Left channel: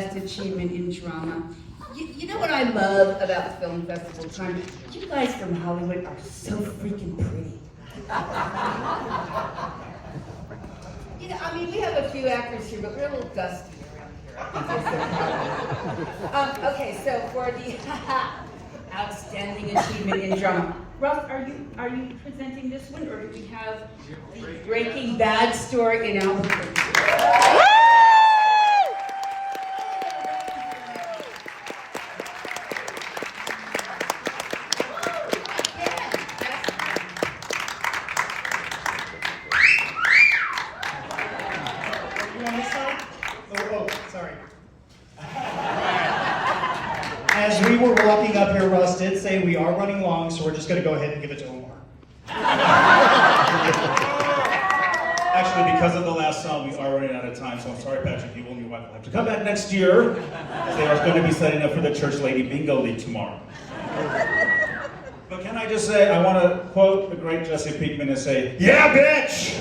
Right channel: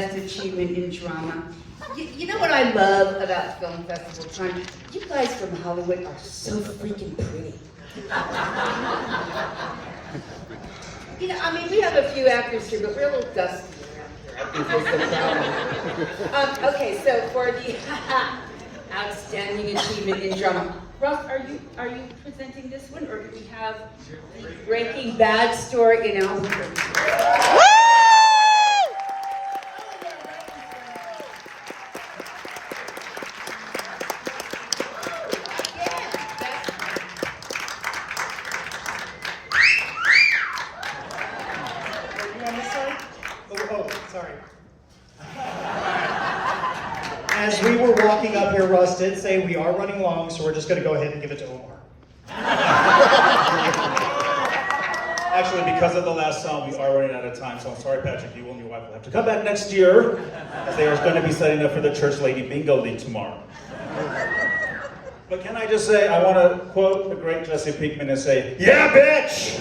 best achievement in drama. You know what I love about film festival time? You guys from Hollywood are so freaking pretty. You know, I mean, we have a few actors here, but we're a little dusty around here. Okay, so for the outstanding achievement in drama, Ross, are you presenting this one, or do we have the Breaking Bad Store in Albuquerque? As we were walking up here, Russ did say we are running long, so we're just going to go ahead and give it to Omar. Actually, because of the last song, we are running out of time, so I'm sorry, Patrick, you and your wife will have to come back next year, as they are going to be setting up for the Church Lady Bingo League tomorrow. But can I just say, I want to quote the great Jesse Pinkman and say, yeah, bitch!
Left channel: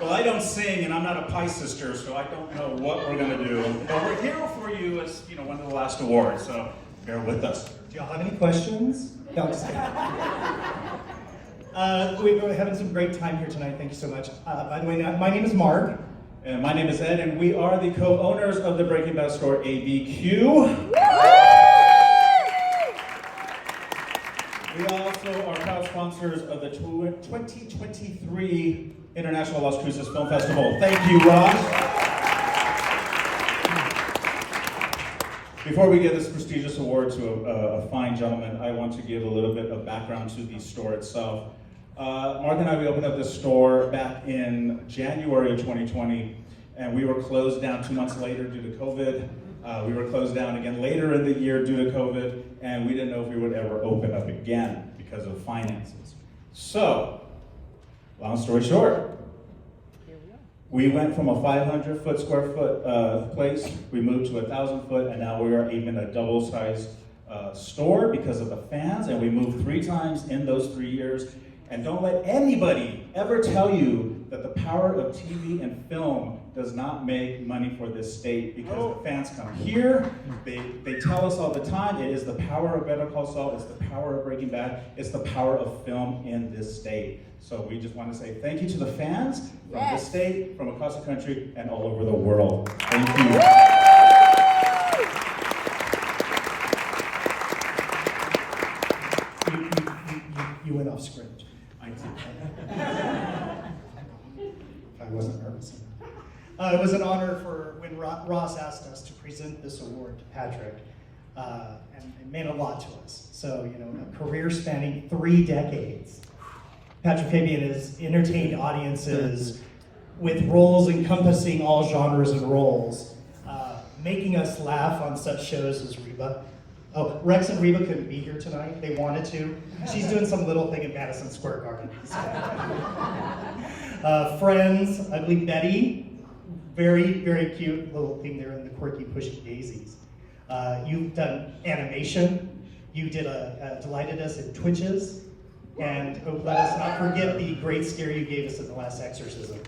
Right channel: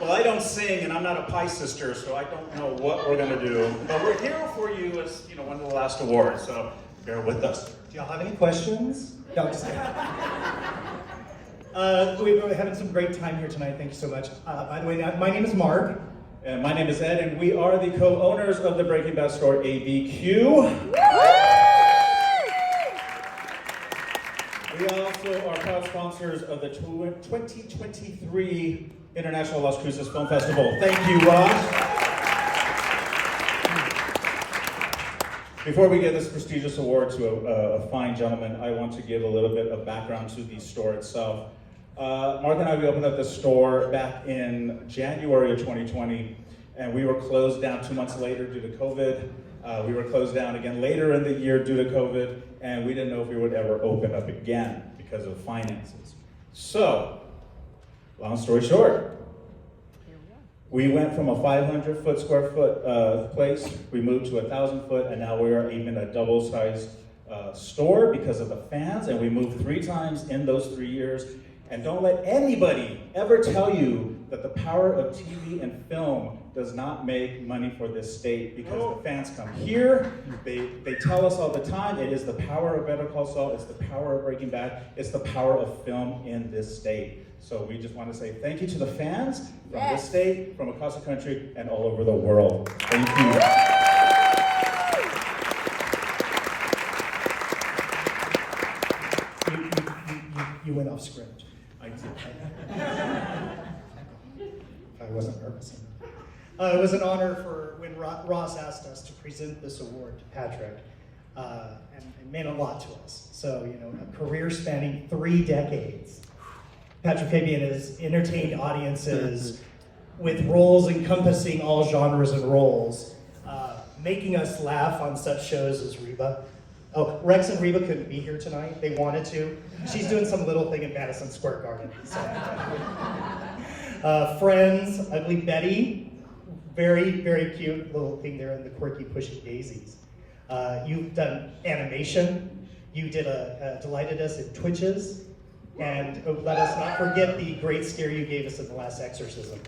Well, I don't sing, and I'm not a pie sister, so I don't know what we're going to do. But we're here for you as, you know, one of the last awards, so bear with us. Do y'all have any questions? No, I'm just kidding. We're having some great time here tonight. Thank you so much. By the way, my name is Marq. And my name is Ed, and we are the co-owners of the Breaking Bad Store ABQ. We also are proud sponsors of the 2023 International Las Cruces Film Festival. Thank you, Ross. Before we give this prestigious award to a fine gentleman, I want to give a little bit of background to the store itself. Mark and I, we opened up this store back in January of 2020, and we were closed down 2 months later due to COVID. We were closed down again later in the year due to COVID, and we didn't know if we would ever open up again because of finances. So, long story short, we went from a 500 square foot place, we moved to 1,000 foot, and now we are even a double-sized store because of the fans, and we moved 3 times in those 3 years. And don't let anybody ever tell you that the power of TV and film does not make money for this state, because the fans come here, they tell us all the time, it is the power of Better Call Saul, it's the power of Breaking Bad, it's the power of film in this state. So we just want to say thank you to the fans from this state, from across the country, and all over the world. Thank you. You went off script. I did. I wasn't nervous. It was an honor for when Ross asked us to present this award to Patrick, and it meant a lot to us. So, you know, a career spanning 3 decades. Patrick Fabian has entertained audiences with roles encompassing all genres and roles, making us laugh on such shows as Reba. Oh, Rex and Reba couldn't be here tonight. They wanted to. She's doing some little thing in Madison Square Garden. So. Friends, Ugly Betty, very, very cute little thing there in the quirky Pushing Daisies. You've done animation. You did delighted us in Twitches. And let us not forget the great scare you gave us in the last exorcism.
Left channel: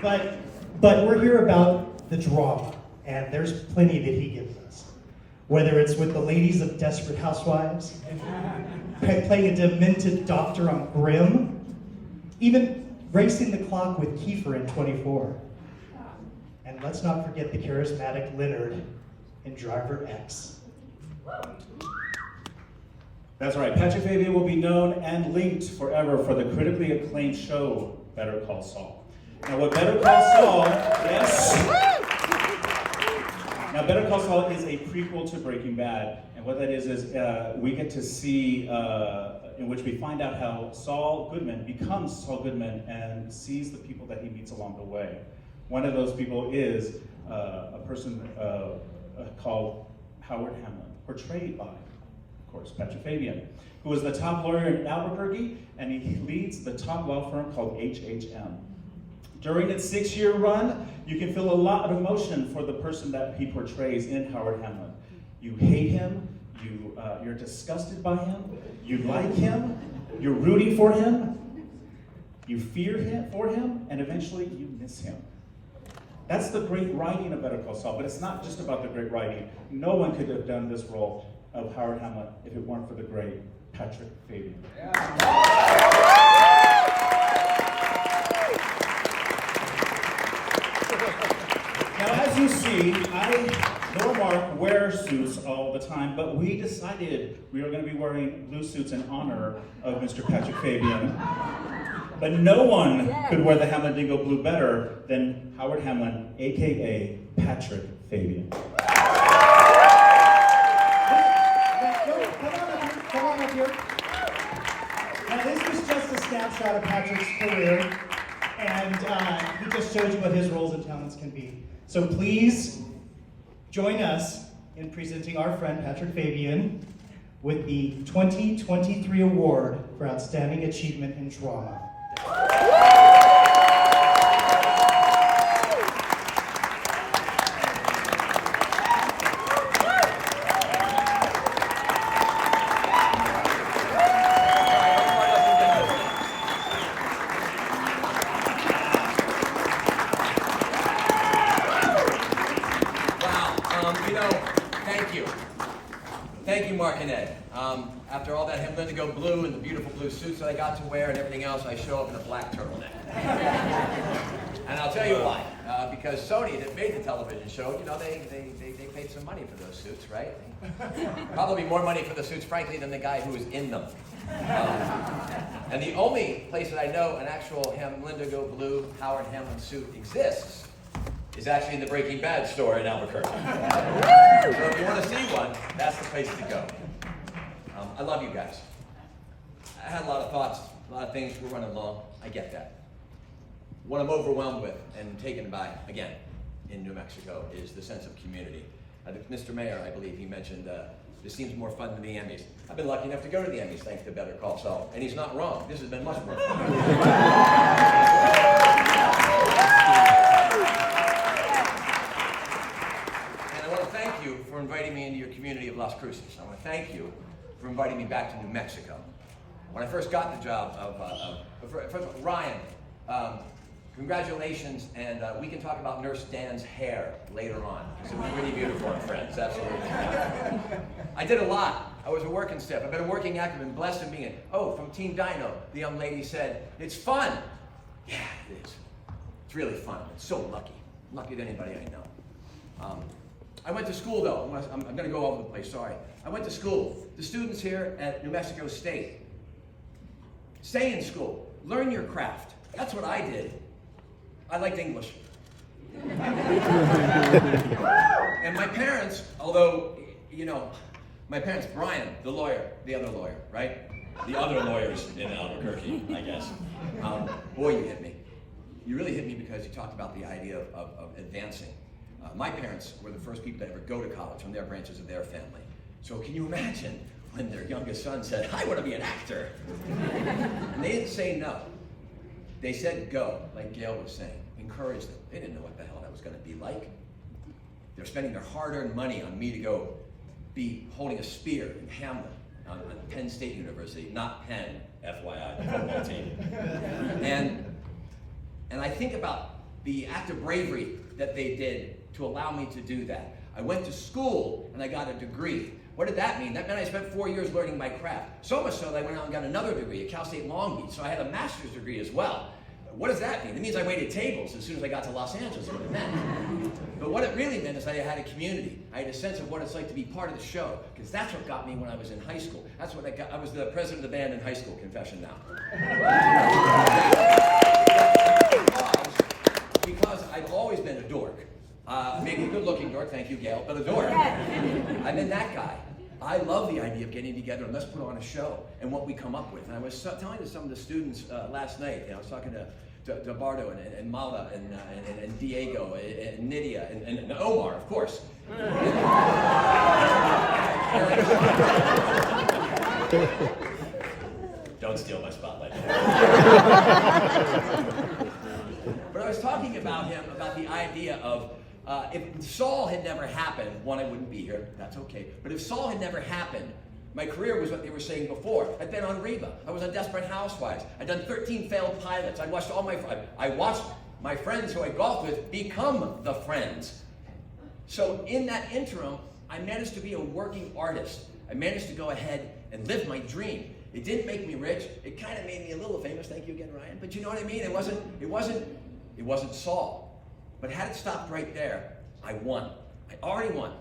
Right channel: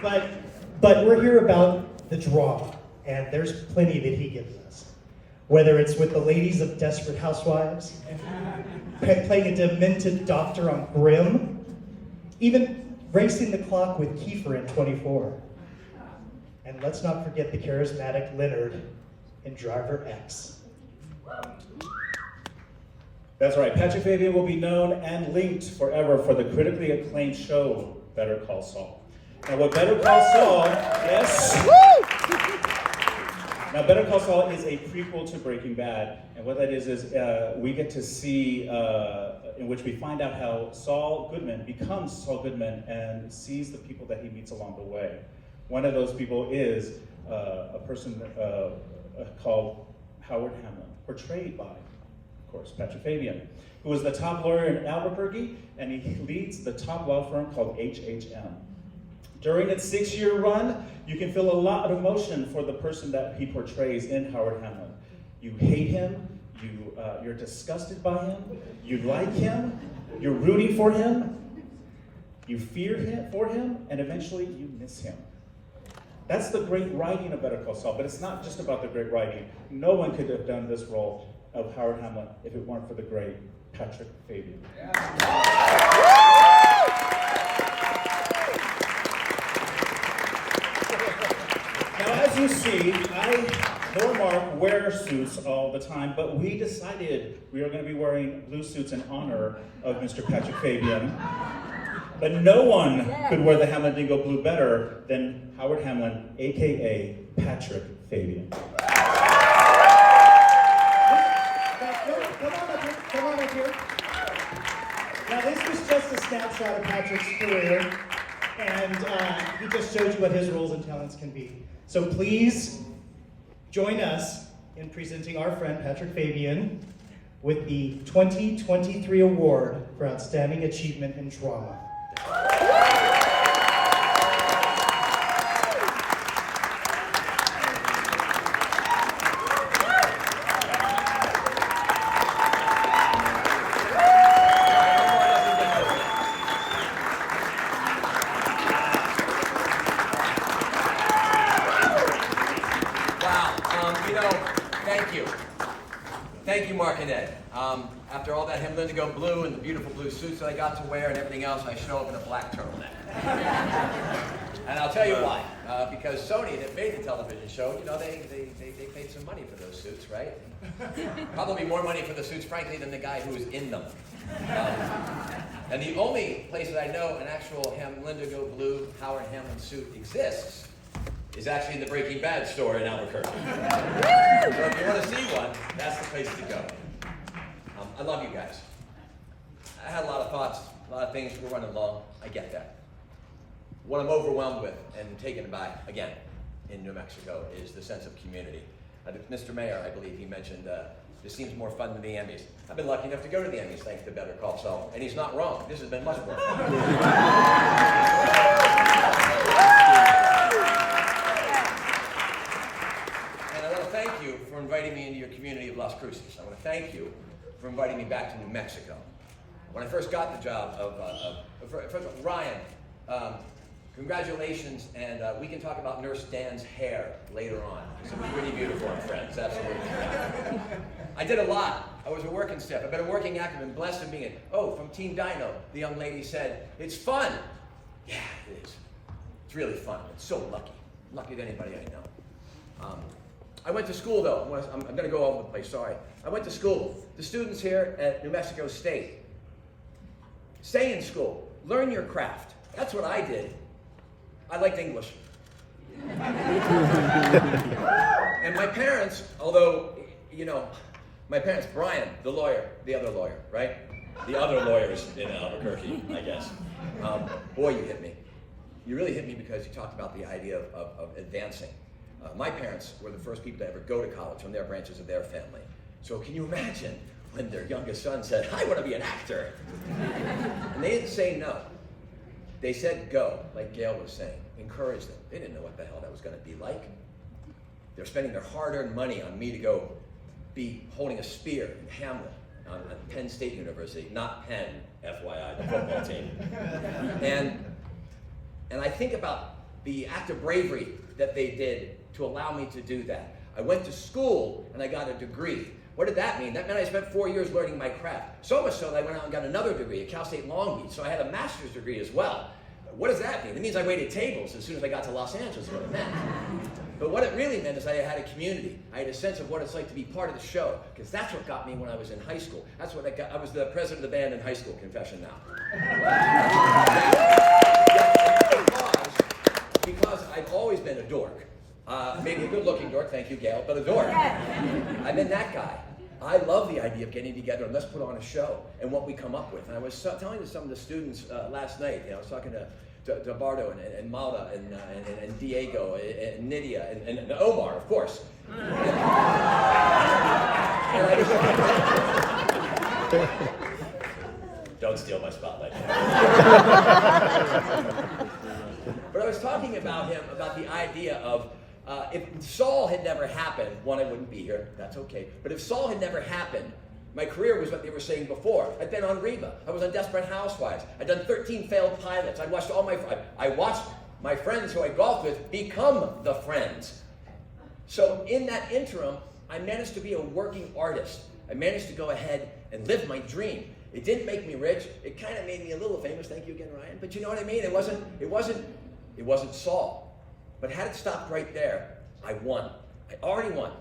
But we're here about the drama, and there's plenty that he gives us. Whether it's with the ladies of Desperate Housewives, playing a demented doctor on Grimm, even racing the clock with Kiefer in 24. And let's not forget the charismatic Leonard in Driver X. That's right, Patrick Fabian will be known and linked forever for the critically acclaimed show, Better Call Saul. Now what Better Call Saul, yes? Now Better Call Saul is a prequel to Breaking Bad, and what that is we get to see, in which we find out how Saul Goodman becomes Saul Goodman and sees the people that he meets along the way. One of those people is a person called Howard Hamlin, portrayed by, of course, Patrick Fabian, who is the top lawyer in Albuquerque, and he leads the top law firm called HHM. During its 6-year run, you can feel a lot of emotion for the person that he portrays in Howard Hamlin. You hate him, you're disgusted by him, you like him, you're rooting for him, you fear him for him, and eventually you miss him. That's the great writing of Better Call Saul, but it's not just about the great writing. No one could have done this role of Howard Hamlin if it weren't for the great Patrick Fabian. Now, as you see, Little Marq wears suits all the time, but we decided we are going to be wearing blue suits in honor of Mr. Patrick Fabian. But no one could wear the Hamlin Dingo blue better than Howard Hamlin, aka Patrick Fabian. Come on up here. Now this was just a snapshot of Patrick's career, and he just showed you what his roles and talents can be. So please join us in presenting our friend Patrick Fabian with the 2023 Award for Outstanding Achievement in Drama. Thank you, Marq and Ed. After all that Hamlin Dingo blue and the beautiful blue suits that I got to wear and everything else, I show up in a black turtleneck. And I'll tell you why. Because Sony, that made the television show, you know, they paid some money for those suits, right? Probably more money for the suits, frankly, than the guy who was in them. And the only place that I know an actual Hamlin Dingo blue Howard Hamlin suit exists is actually in the Breaking Bad Store in Albuquerque. So if you want to see one, that's the place to go. I love you guys. I had a lot of thoughts, a lot of things. We're running long. I get that. What I'm overwhelmed with and taken by, again, in New Mexico is the sense of community. Mr. Mayor, I believe he mentioned this seems more fun than the Emmys. I've been lucky enough to go to the Emmys thanks to Better Call Saul, and he's not wrong. This has been much more fun. Thank you for inviting me into your community of Las Cruces. I want to thank you for inviting me back to New Mexico. When I first got the job first of all, Ryan, congratulations, and we can talk about Nurse Dan's hair later on, because it was pretty beautiful on Friends, absolutely. I did a lot. I was a working staff. I've been a working actor and blessed in being, from Team Dino, the young lady said, it's fun. Yeah, it is. It's really fun. It's so lucky. I'm luckier than anybody I know. I went to school, though. I'm going to go all over the place, sorry. I went to school. The students here at New Mexico State, stay in school. Learn your craft. That's what I did. I liked English. And my parents, although, you know, my parents, Brian, the lawyer, the other lawyer, right? The other lawyers in Albuquerque, I guess. Boy, you hit me. You really hit me because you talked about the idea of advancing. My parents were the first people to ever go to college from their branches of their family. So can you imagine when their youngest son said, I want to be an actor? And they didn't say no. They said go, like Gail was saying. Encourage them. They didn't know what the hell that was going to be like. They're spending their hard-earned money on me to go be holding a spear in Hamlin on Penn State University, not Penn, FYI, the football team. And I think about the act of bravery that they did to allow me to do that. I went to school and I got a degree. What did that mean? That meant I spent 4 years learning my craft. So much so that I went out and got another degree at Cal State Long Beach. So I had a master's degree as well. What does that mean? It means I waited tables as soon as I got to Los Angeles, is what it meant. But what it really meant is I had a community. I had a sense of what it's like to be part of the show, because that's what got me when I was in high school. That's what I got. I was the president of the band in high school, confession now. Because I've always been a dork. Maybe a good-looking dork, thank you, Gail, but a dork. I've been that guy. I love the idea of getting together and let's put on a show and what we come up with. And I was telling to some of the students last night, I was talking to Bardo and Malda and Diego and Nydia and Omar, of course. Don't steal my spotlight. But I was talking about him, about the idea of If Saul had never happened, one, I wouldn't be here. That's okay. But if Saul had never happened, my career was what they were saying before. I'd been on Reba. I was on Desperate Housewives. I'd done 13 failed pilots. I watched my friends who I golfed with become the friends. So in that interim, I managed to be a working artist. I managed to go ahead and live my dream. It didn't make me rich. It kind of made me a little famous. Thank you again, Ryan. But you know what I mean? It wasn't Saul. But had it stopped right there, I won. I already won.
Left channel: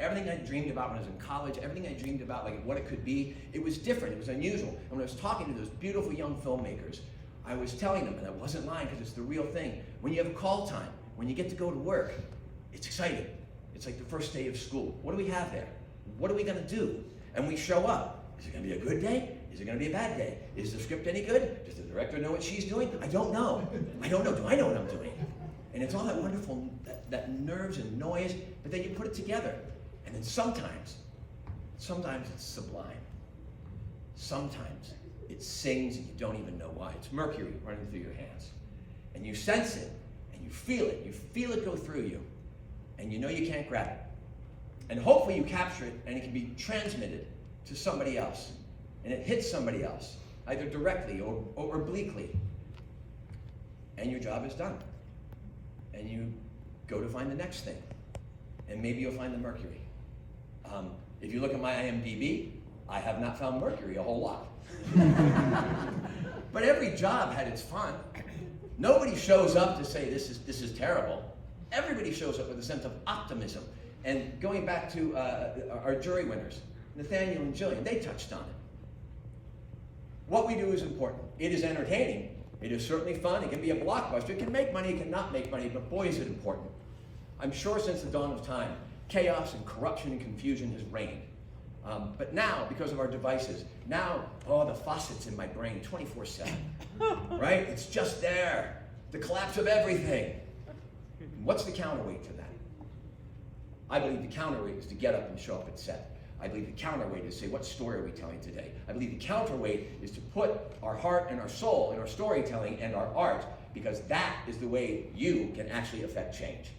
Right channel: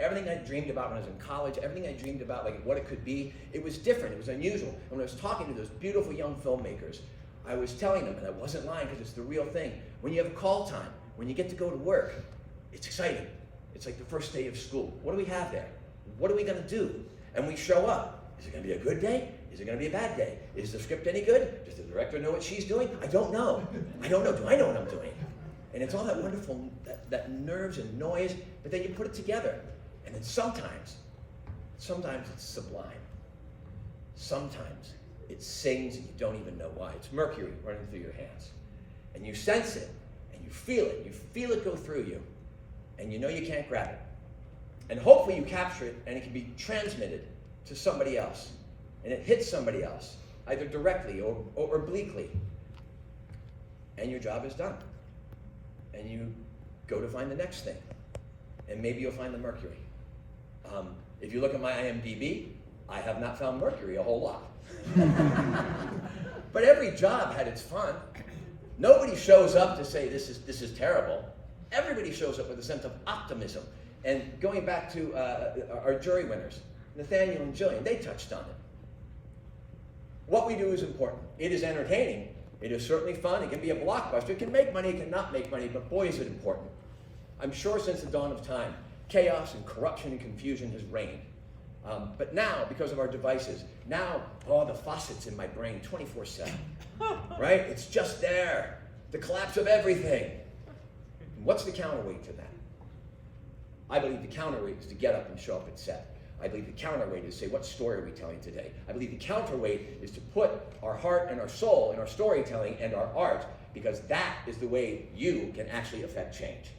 Everything I dreamed about when I was in college, everything I dreamed about, like what it could be, it was different, it was unusual. And when I was talking to those beautiful young filmmakers, I was telling them, and I wasn't lying because it's the real thing, when you have call time, when you get to go to work, it's exciting. It's like the first day of school. What do we have there? What are we gonna do? And we show up. Is it gonna be a good day? Is it gonna be a bad day? Is the script any good? Does the director know what she's doing? I don't know. I don't know. Do I know what I'm doing? And it's all that wonderful, that nerves and noise, but then you put it together. And then sometimes it's sublime. Sometimes it sings and you don't even know why. It's mercury running through your hands. And you sense it, and you feel it go through you, and you know you can't grab it. And hopefully you capture it, and it can be transmitted to somebody else. And it hits somebody else, either directly or obliquely. And your job is done. And you go to find the next thing. And maybe you'll find the mercury. If you look at my IMDb, I have not found mercury a whole lot. But every job had its fun. Nobody shows up to say this is terrible. Everybody shows up with a sense of optimism. And going back to our jury winners, Nathaniel and Jillian, they touched on it. What we do is important. It is entertaining. It is certainly fun. It can be a blockbuster. It can make money, it can not make money, but boy is it important. I'm sure since the dawn of time, chaos and corruption and confusion has reigned. But now, because of our devices, now, the faucet's in my brain 24/7, right? It's just there. The collapse of everything. What's the counterweight to that? I believe the counterweight is to get up and show up at set. I believe the counterweight is to say, what story are we telling today? I believe the counterweight is to put our heart and our soul in our storytelling and our art, because that is the way you can actually affect change.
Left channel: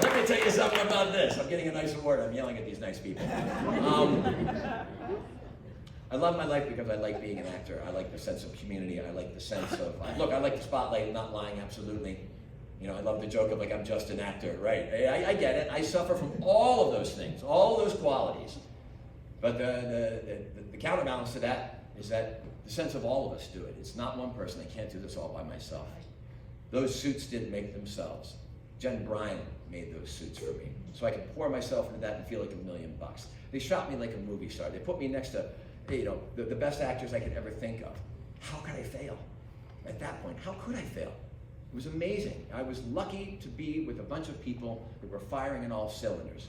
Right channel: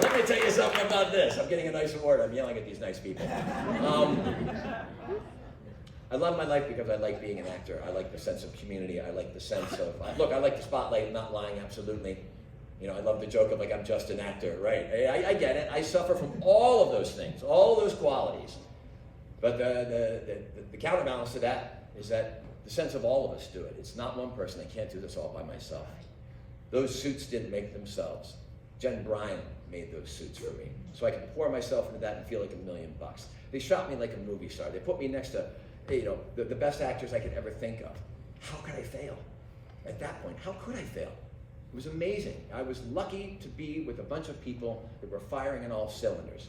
Let me tell you something about this. I'm getting a nice award. I'm yelling at these nice people. I love my life because I like being an actor. I like the sense of community. I like the sense of, look, I like the spotlight, not lying, absolutely. You know, I love the joke of like, I'm just an actor, right? I get it. I suffer from all of those things, all of those qualities. But the counterbalance to that is that the sense of all of us do it. It's not one person. I can't do this all by myself. Those suits didn't make themselves. Jen Bryan made those suits for me. So I could pour myself into that and feel like $1 million. They shot me like a movie star. They put me next to, the best actors I could ever think of. How could I fail? At that point, how could I fail? It was amazing. I was lucky to be with a bunch of people that were firing in all cylinders.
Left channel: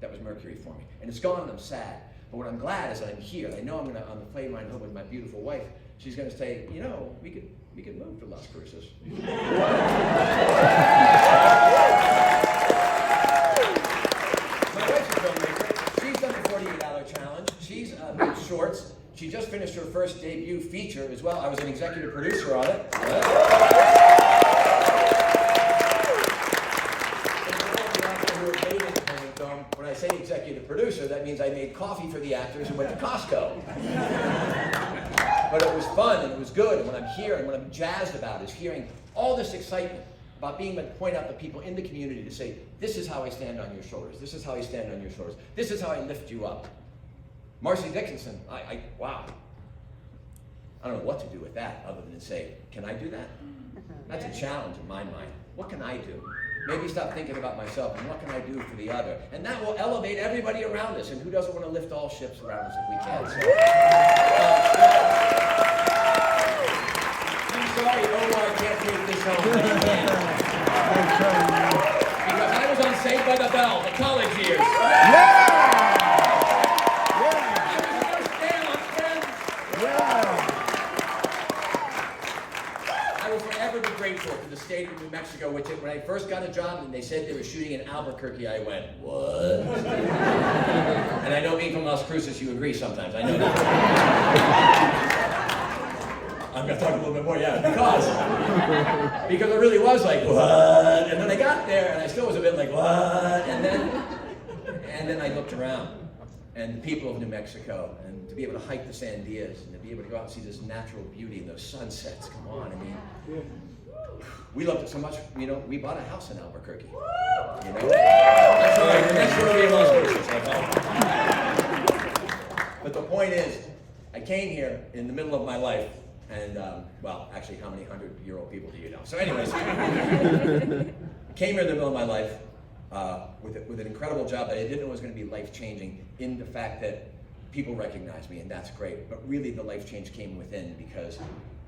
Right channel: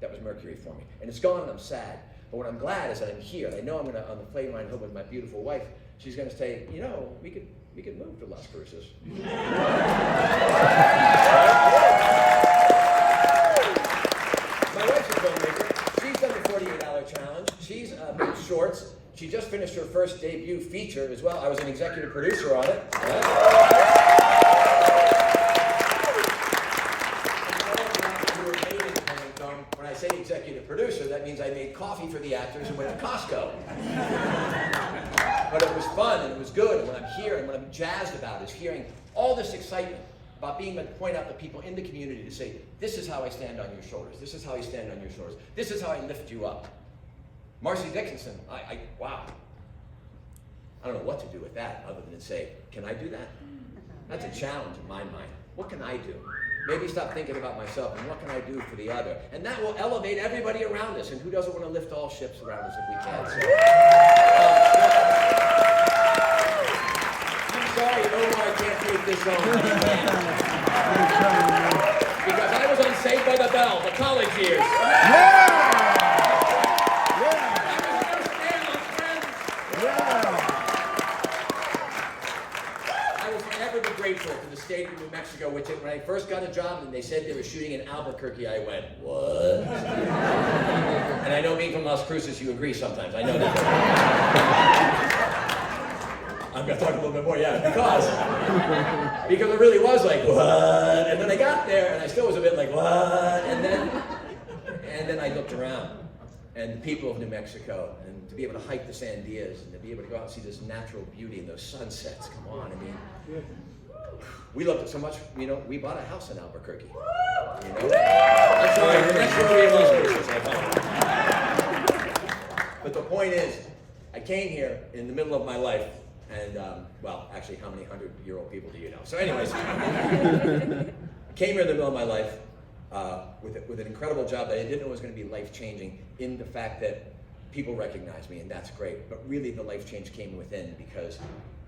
That was mercury for me. And it's gone and I'm sad. But what I'm glad is that I'm here. I know I'm gonna, on the plane ride home with my beautiful wife, she's gonna say, we could move to Las Cruces. My wife's a filmmaker. She's done the 48-hour challenge. She's made shorts. She just finished her first debut feature as well. I was an executive producer on it. When I say executive producer, that means I made coffee for the actors and went to Costco. But it was fun and it was good. And what I'm hearing, what I'm jazzed about is hearing all this excitement about being able to point out the people in the community to say, this is how I stand on your shoulders. This is how I stand on your shoulders. This is how I lift you up. Marcy Dickinson, wow. I don't know what to do with that other than to say, can I do that? That's a challenge in my mind. What can I do? Maybe stop thinking about myself and what can I do for the other? And that will elevate everybody around us. And who doesn't want to lift all ships around us if we can? So, I'm sorry, Omar can't take this home. Because I was on Saved by the Bell, the college years. I will forever be grateful to the stage stayed in New Mexico, which when I first got a job and they said they were shooting in Albuquerque, I went, what? And I know being from Las Cruces, you agree sometimes, I know that. I'm gonna talk a little bit more, yeah, because it really was like, what? And then I got there and I still was a bit like, what? And then I looked around. And the people of New Mexico, and to be able to hike the Sandias, and to be able to go out and see this natural beauty and those sunsets, come on, I mean, we loved it so much, you know, we bought a house in Albuquerque, you know? I'm sorry, that's where we lost Cruces, I thought. But the point is, I came here in the middle of my life, and, well, actually, how many 100-year-old people do you know? So anyways, I came here in the middle of my life, with an incredible job that I didn't know was going to be life-changing in the fact that people recognize me, and that's great. But really, the life change came within because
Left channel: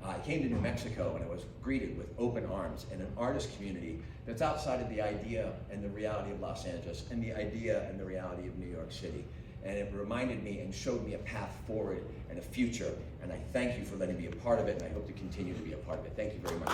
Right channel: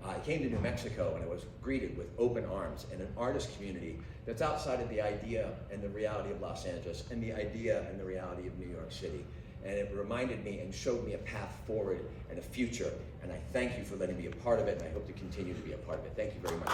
I came to New Mexico and I was greeted with open arms and an artist community that's outside of the idea and the reality of Los Angeles and the idea and the reality of New York City. And it reminded me and showed me a path forward and a future. And I thank you for letting me be a part of it, and I hope to continue to be a part of it. Thank you very much.